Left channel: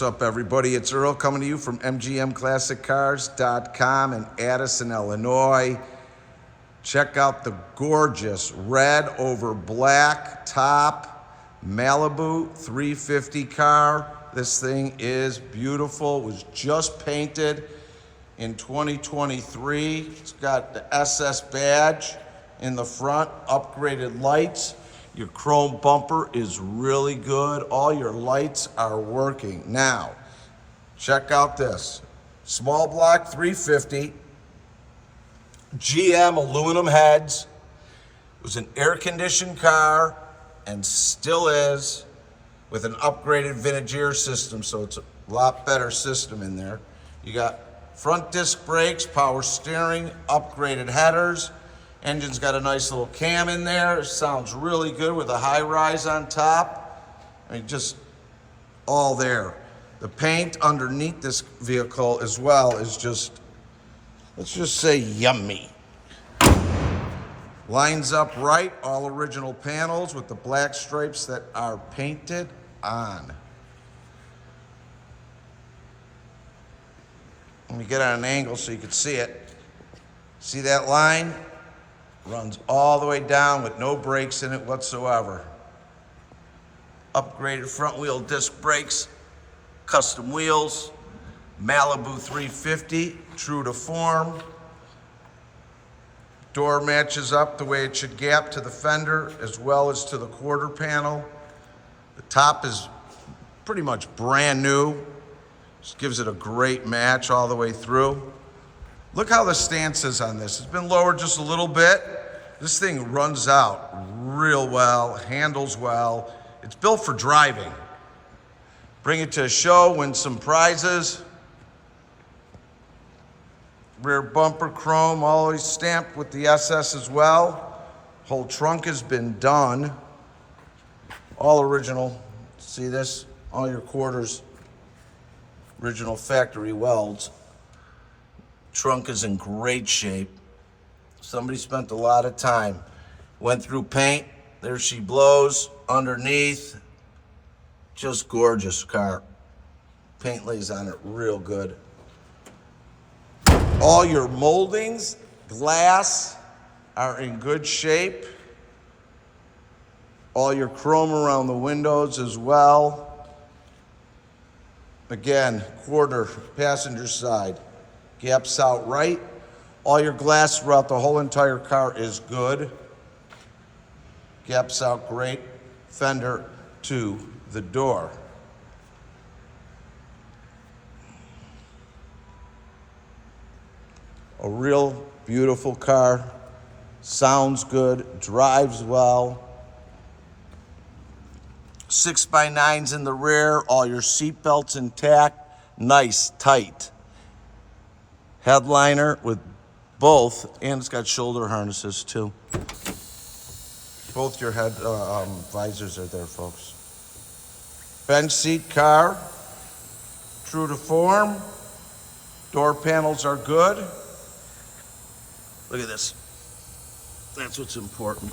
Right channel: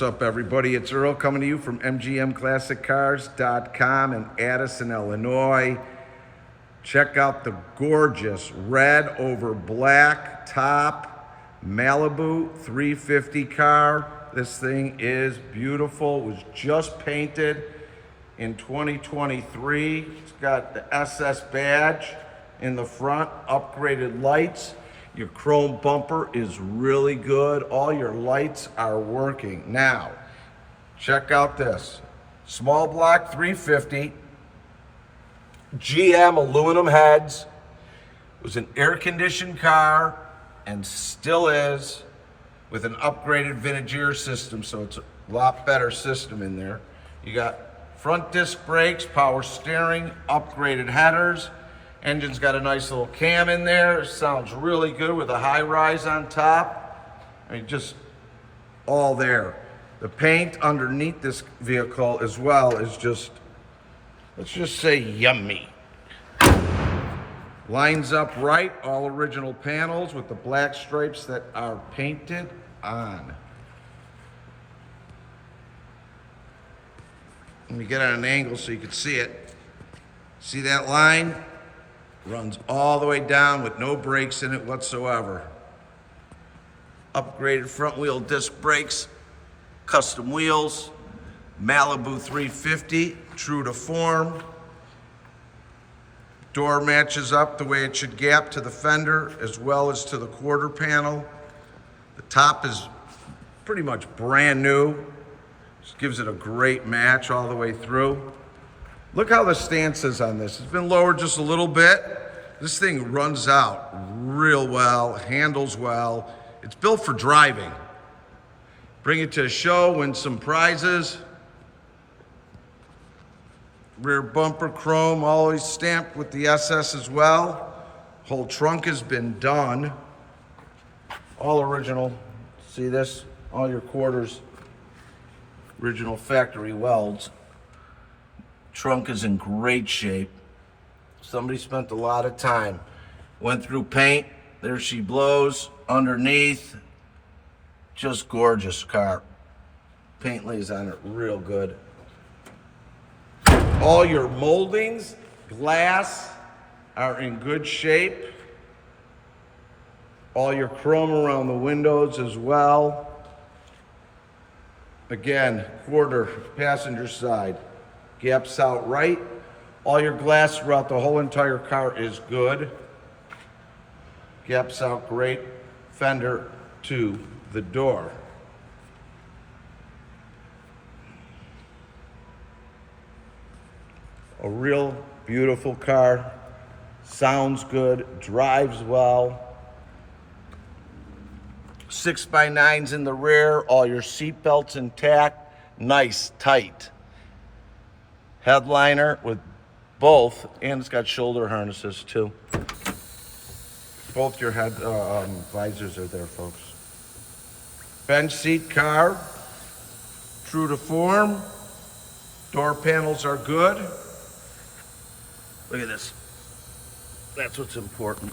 What's up, everybody? It's Earl coming to you from MGM Classic Cars.com in Addison, Illinois. Check out the gorgeous red over black top Malibu 350 car. This thing is beautiful. It was just painted in 2023. It's got the SS badge in the front, upgraded lights. Your chrome bumper is really good. All your lights are working. Now, check out this. Small block 350, GM aluminum heads. It was an air-conditioned car and still is, with an upgraded vintage air system, so it's a lot better system in there. You got front disc brakes, power steering, upgraded headers. Engine's got a nice little cam in there. It sounds really good with a high rise on top. I mean, just all there. The paint underneath this vehicle as well is just, let's just say, yummy. Lines up right, all original panels with the black stripes that are painted on. Let me get on an angle so you can see it. See that line? Runs all the way down with no brakes in it whatsoever. Upgraded front wheel disc brakes, custom wheels, Malibu 350, true to form. Door matches up the way it should gap to the fender as well as to the quarter panel. The top is pretty much brand new. Just gives it a great match all the way through. Look how the stance is on this. It's been lowered just a little bit. This thing runs out real well, handles well. It's built for driving. Bring it to a show, win some prizes. Rear bumper chrome, always stamped with the SS as well. Whole trunk has been done. All original. See this? All your quarters, original factory welds. Trunk is in great shape. Somebody spent a lot of time. Went through paint. There she blows underneath. Just gorgeous car. Paint lays on it real good. All your moldings, glass are in good shape. All your chrome around the windows as well. Again, quarter passenger side. Gaps out right. All your glass throughout the whole entire car is good. Gaps out great. Fender to the door. A real beautiful car. Sounds good, drives well. 6x9s in the rear, all your seat belts intact, nice, tight. Headliner with both, and it's got shoulder harnesses too. Both your head visors are there, folks. Bench seat car, true to form. Door panels are good. Look at this. That's what's important.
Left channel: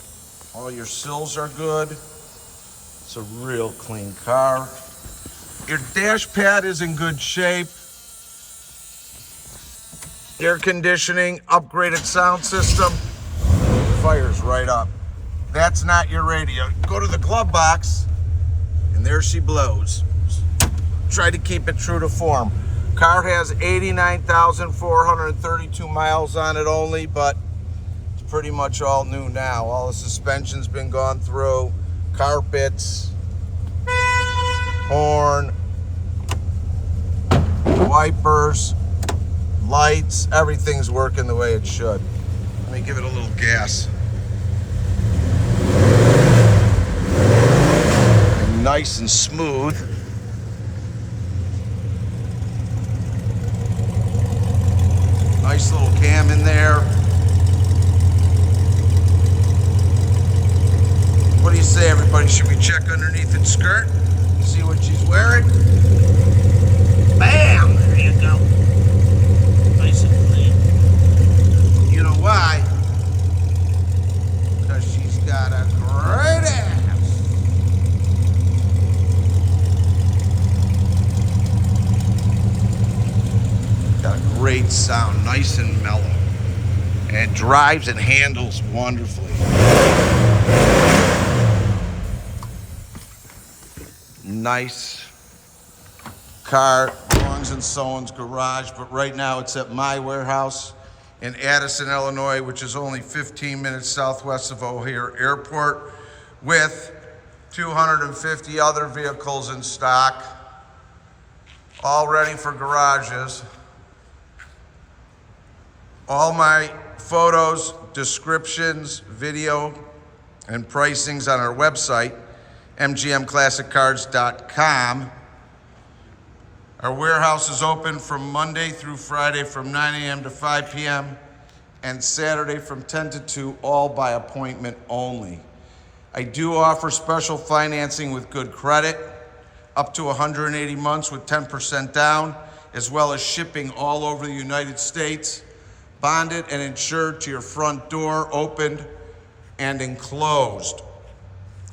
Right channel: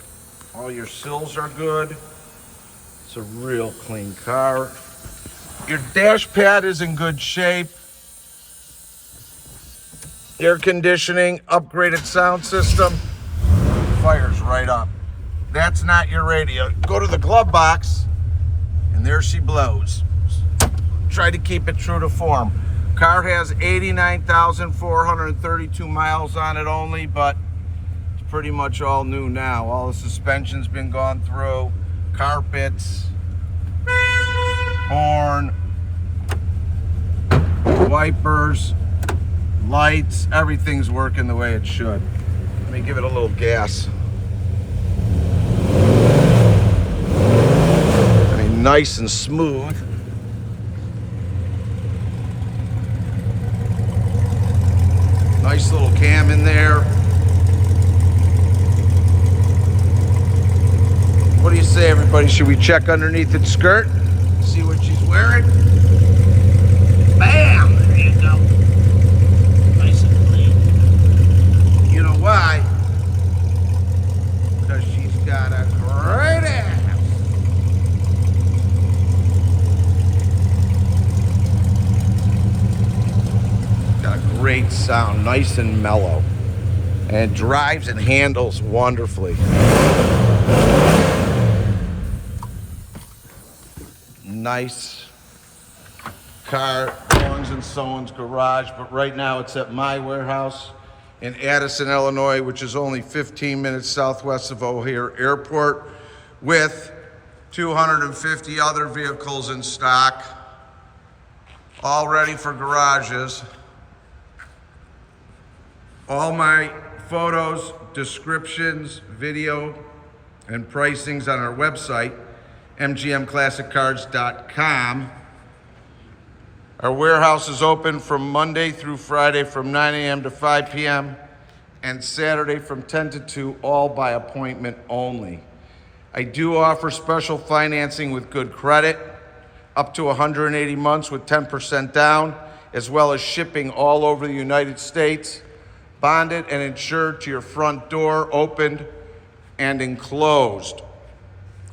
All your sills are good. It's a real clean car. Your dash pad is in good shape. Air conditioning, upgraded sound system. Fires right up. That's not your radio. Go to the glove box, and there she blows. Try to keep it true to form. Car has 89,432 miles on it only, but it's pretty much all new now. All the suspension's been gone through, carpets, horn, wipers, lights, everything's working the way it should. Let me give it a little gas. Nice and smooth. Nice little cam in there. What do you say, everybody? Should we check underneath its skirt? See what she's wearing? Bam! There you go. Nice and clean. You know why? Because she's got a great ass. great sound, nice and mellow, and drives and handles wonderfully. Nice car, belongs in someone's garage, but right now it's at my warehouse in Addison, Illinois, which is only 15 minutes southwest of O'Hare Airport, with 250 other vehicles in stock, all ready for garages. All my photos, descriptions, video, and pricings on our website, mgmclassiccars.com. Our warehouse is open from Monday through Friday from 9 a.m. to 5 p.m. and Saturday from 10 to 2, all by appointment only. I do offer special financing with good credit, up to 180 months with 10% down, as well as shipping all over the United States, bonded and insured to your front door, opened and enclosed.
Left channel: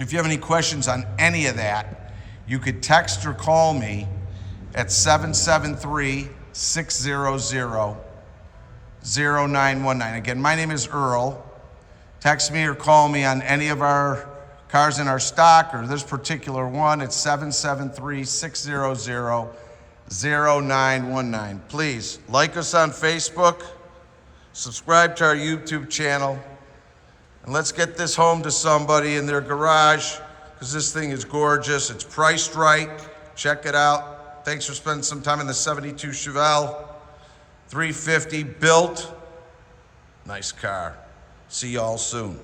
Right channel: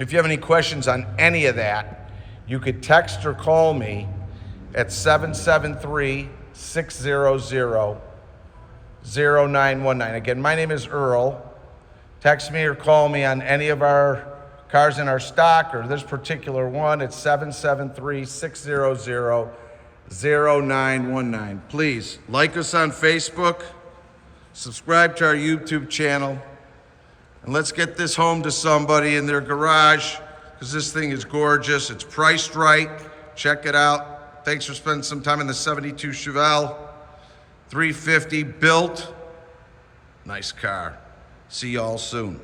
If you have any questions on any of that, you could text or call me at 773-600-0919. Again, my name is Earl. Text me or call me on any of our cars in our stock or this particular one at 773-600-0919. Please like us on Facebook, subscribe to our YouTube channel, and let's get this home to somebody in their garage, because this thing is gorgeous. It's priced right. Check it out. Thanks for spending some time in the 72 Chevelle 350 built. Nice car. See y'all soon.